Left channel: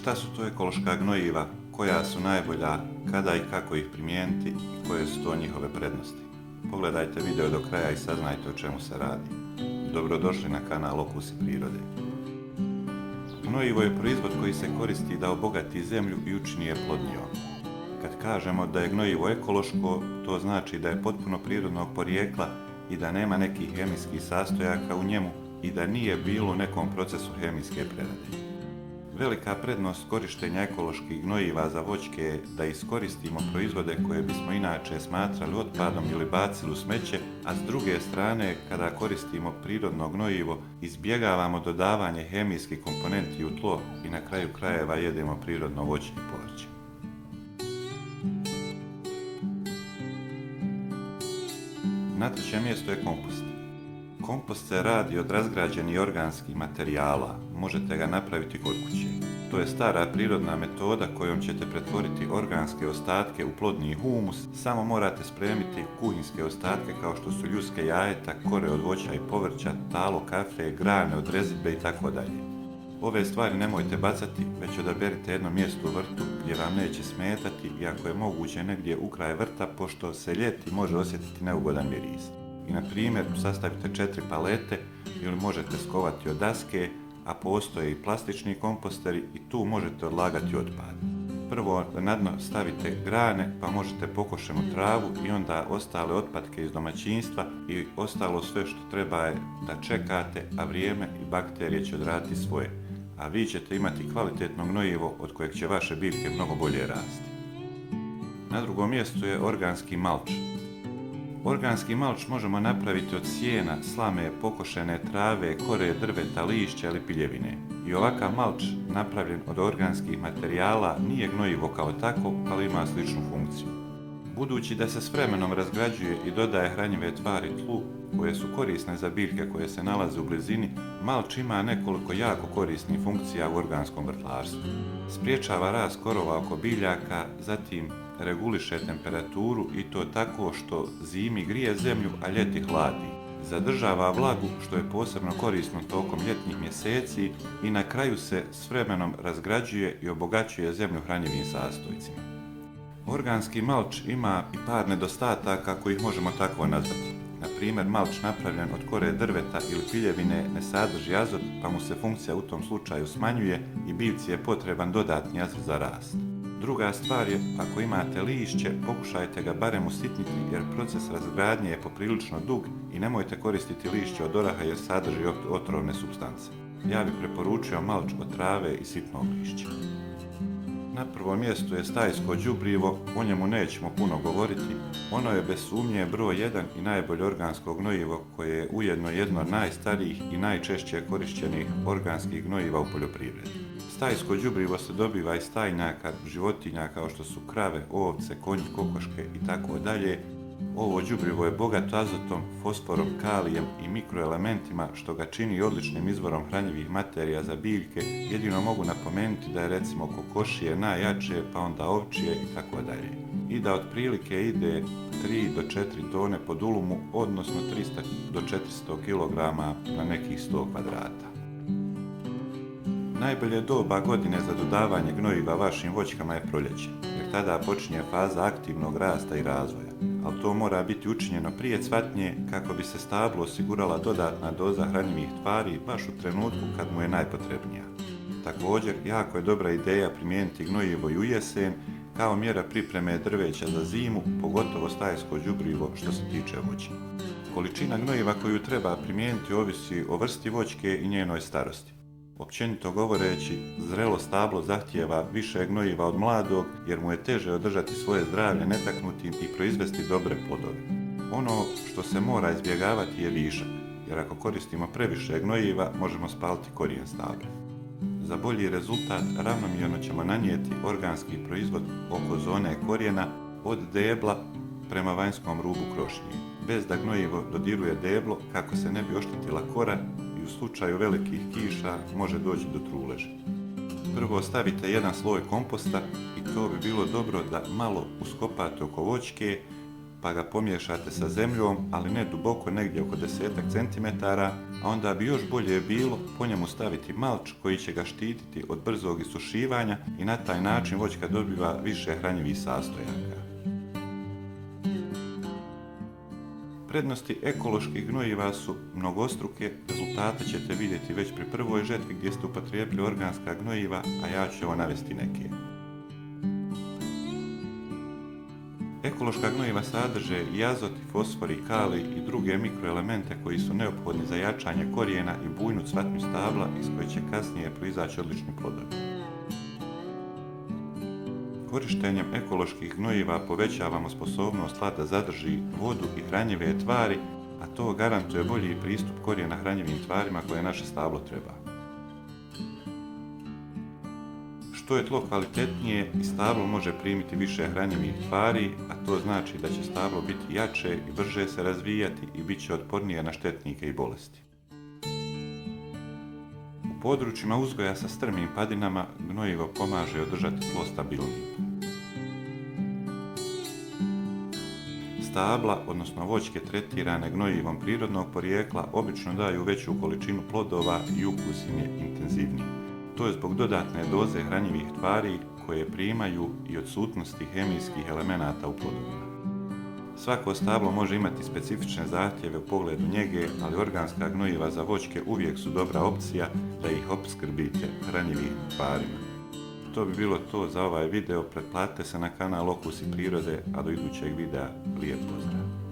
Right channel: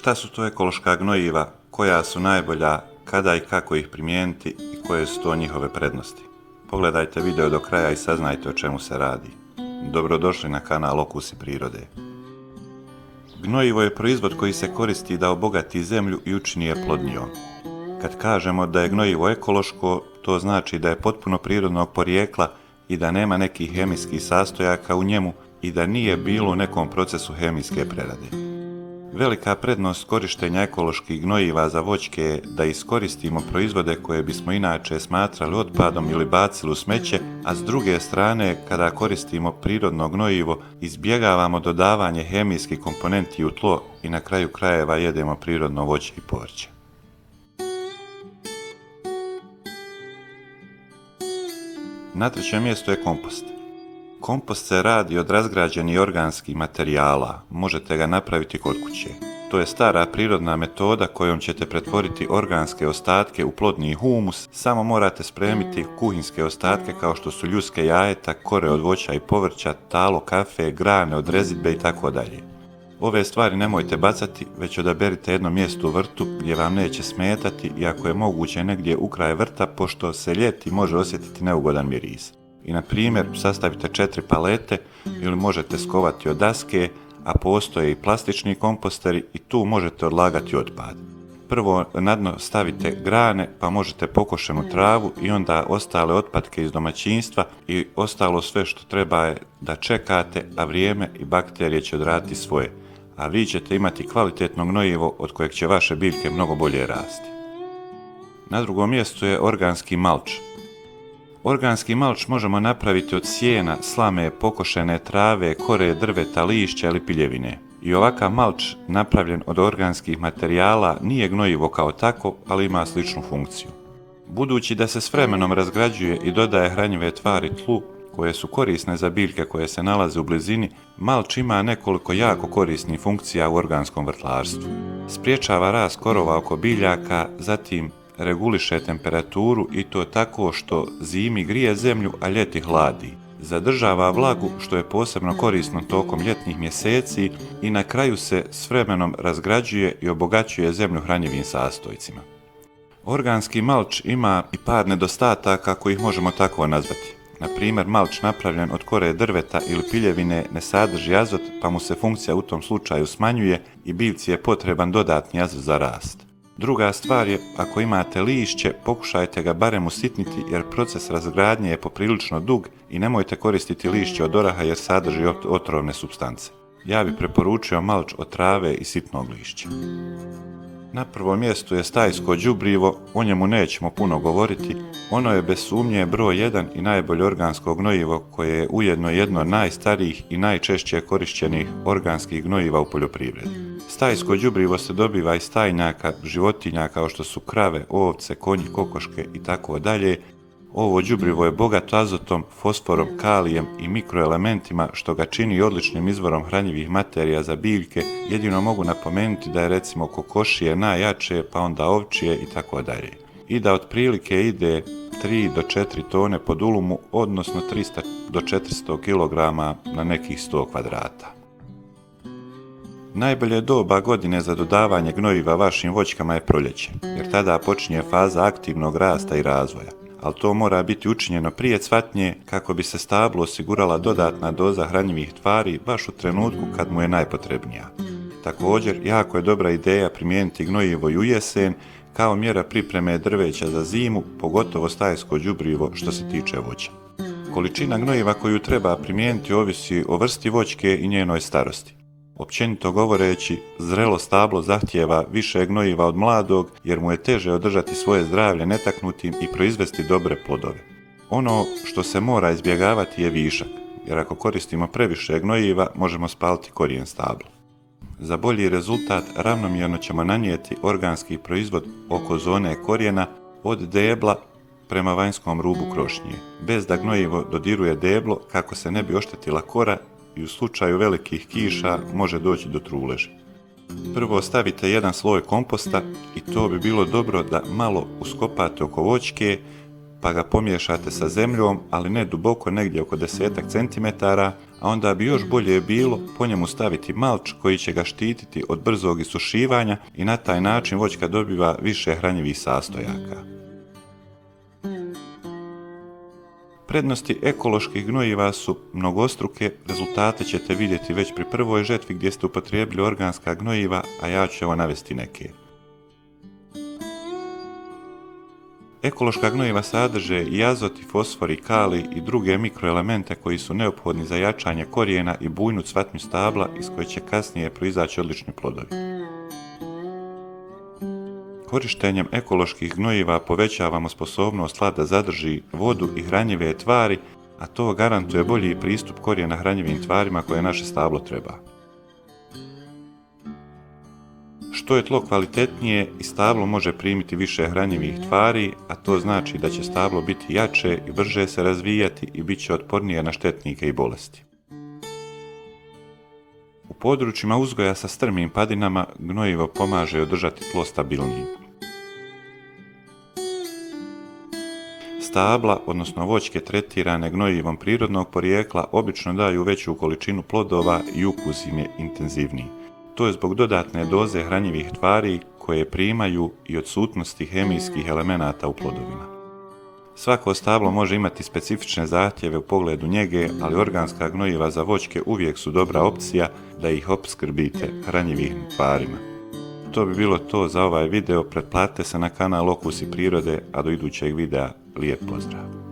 Šta su to ekološka gnojiva, koja su najbolja, kada i kako ih primijeniti i koje su to njihove prednosti? Pogledajte video do kraja i saznajte o čemu se radi. Dobrodošli na kanal Okusi prirode. Gnojivo je proizvod koji se koristi da obogati zemlju i učini je plodnijom. Kad kažemo da je gnojivo ekološko, to znači da je potpuno prirodnog porijekla i da nema nekih hemijskih sastojaka u njemu i da nije bilo u nekom procesu hemijske prerade. Velika prednost korištenja ekoloških gnojiva za voćke je da iskoristimo proizvode koje bismo inače smatrali otpadom ili bacili u smeće, a s druge strane, kada koristimo prirodno gnojivo, izbjegavamo dodavanje hemijskih komponenti u tlo i na kraju krajeva jedemo prirodno voće i povrće. Na trećem mjestu je kompost. Kompost se radi od razgrađenih organskih materijala, možete ga napraviti kod kuće. To je stara prirodna metoda kojom ćete pretvoriti organske ostatke u plodni humus, samo morate spremiti kuhinske ostatke kao što su ljuske jajeta, kore od voća i povrća, talo kafe, grane od rezidbe itd. Ove stvari nemojte bacati, već odaberite jedno mjesto u vrtu gdje vam neće smetati i ako je moguće negdje u kraj vrta, pošto se ljeti može osjetiti neugodan miris. I na primjer sastavite 4 palete ili možete skovati od daske, a postoje i plastični komposteri i tu možete odlagati otpad. Prvo na dno stavite grane, pa možete pokošenu travu i onda ostale otpadke iz domaćinstva i ostalo sve što treba je da čekate, a vrijeme i bakterije će odraditi svoje, a vi ćete imati kvalitetno gnojivo od kojeg će vaše biljke mnogo bolje rasti. Na drugom mjestu je organski malč. Organski malč možemo napraviti od sjena, slame, pokošene trave, kore, drveta, lišća ili piljevine. I ovakav malč napravljen od organskih materijala nije gnojivo kao tako, ali ima sličnu funkciju. Budući da se s vremenom razgrađuje i dodaje hranjive tvari tlu, koje su korisne za biljke koje se nalaze u blizini, malč ima nekoliko jako korisnih funkcija u organskom vrtlarstvu. Spriječava rast korova oko biljaka, zatim reguliše temperaturu i to tako što zimi grije zemlju, a ljeti hladi. Zadržava vlagu, što je posebno korisno tokom ljetnih mjeseci i na kraju se s vremenom razgrađuje i obogaćuje zemlju hranjivim sastojcima. Organski malč ima i par nedostataka kojih možemo tako nazvati. Na primjer, malč napravljen od kore drveta ili piljevine ne sadrži azot, pa mu se funkcija u tom slučaju smanjuje i biljci je potreban dodatni azot za rast. Druga stvar je, ako imate lišće, pokušajte ga barem usitniti jer proces razgradnje je poprilično dug i nemojte koristiti lišće od oraha jer sadrži otrovne supstance. Ja bih preporučio malč od trave i sitnog lišća. Na prvom mjestu je stajsko đubrivo, o njemu nećemo puno govoriti, ono je bez sumnje broj 1 i najbolje organsko gnojivo koje je ujedno jedno od najstarijih i najčešće korišćenih organskih gnojiva u poljoprivredi. Stajsko đubrivo se dobiva iz stajnjaka životinja kao što su krave, ovce, konji, kokoške itd. Ovo đubrivo je bogato azotom, fosforom, kalijem i mikroelementima što ga čini odličnim izvorom hranjivih materija za biljke, jedino mogu napomenuti da je recimo kokošije najjače, pa onda ovčije itd. I da otprilike ide 3 do 4 tone po dulumu, odnosno 300 do 400 kg na nekih 100 kvadrata. Najbolje doba godine za dodavanje gnojiva vašim voćkama je proljeće, jer tada počinje faza aktivnog rasta i razvoja, ali to mora biti učinjeno prije cvatnje kako bi se stablu osigurala dodatna doza hranjivih tvari baš u trenutku kad mu je najpotrebnija. Također, jako je dobra ideja primijeniti gnojivo i u jesen kao mjera pripreme drveća za zimu, pogotovo stajsko đubrivo što se tiče voća. Količina gnojiva koju treba primijeniti ovisi o vrsti voćke i njenoj starosti. Općenito govoreći, zrelo stablo zahtijeva više gnojiva od mladog jer mu je teže održati svoje zdravlje netaknutim i proizvesti dobre plodove. Ono što se mora izbjegavati je višak, jer ako koristimo previše gnojiva možemo spaliti korijen stabla. Za bolji rezultat ravnomjerno ćemo nanijeti organski proizvod oko zone korijena od debla prema vanjskom rubu krošnje, bez da gnojivo dodiruje deblo kako se ne bi oštetila kora i u slučaju velikih kiša može doći do truleži. Prvo stavite jedan sloj komposta i to bi bilo dobro da malo uskopate oko voćke, pa ga pomiješate sa zemljom, ali ne duboko, negdje oko 10 cm, a onda bi još bolje bilo po njemu staviti malč koji će ga štititi od brzog isušivanja i na taj način voćka dobiva više hranjivih sastojaka. Prednosti ekoloških gnojiva su mnogostruke, rezultate ćete vidjeti već pri prvoj žetvi gdje ste upotrijebili organska gnojiva, a ja ću evo navesti neke. Ekološka gnojiva sadrže i azot, i fosfor, i kalij i druge mikroelemente koji su neophodni za jačanje korijena i bujnu cvatnju stabla iz koje će kasnije proizaći odlični plodovi. Korištenjem ekoloških gnojiva povećavamo sposobnost tla da zadrži vodu i hranjive tvari, a to garantuje bolji pristup korijena hranjivim tvarima koje naše stablo treba. Što je tlo kvalitetnije i stablo može primiti više hranjivih tvari, a to znači da će stablo biti jače i brže se razvijati i bit će otpornije na štetnike i bolesti. U područjima uzgoja sa strmim padinama gnojivo pomaže održati tlo stabilnijim. Stabla, odnosno voćke tretirane gnojivom prirodnog porijekla, obično daju veću količinu plodova i ukus im je intenzivniji. To je zbog dodatne doze hranjivih tvari koje primaju i odsutnosti hemijskih elemenata u plodovima. Svako stablo može imati specifične zahtjeve u pogledu njege, ali organska gnojiva za voćke uvijek su dobra opcija da ih opskrbite hranjivim tvarima. To bi bilo to za ovaj video, pretplatite se na kanal Okusi prirode, a do idućeg videa lijep pozdrav!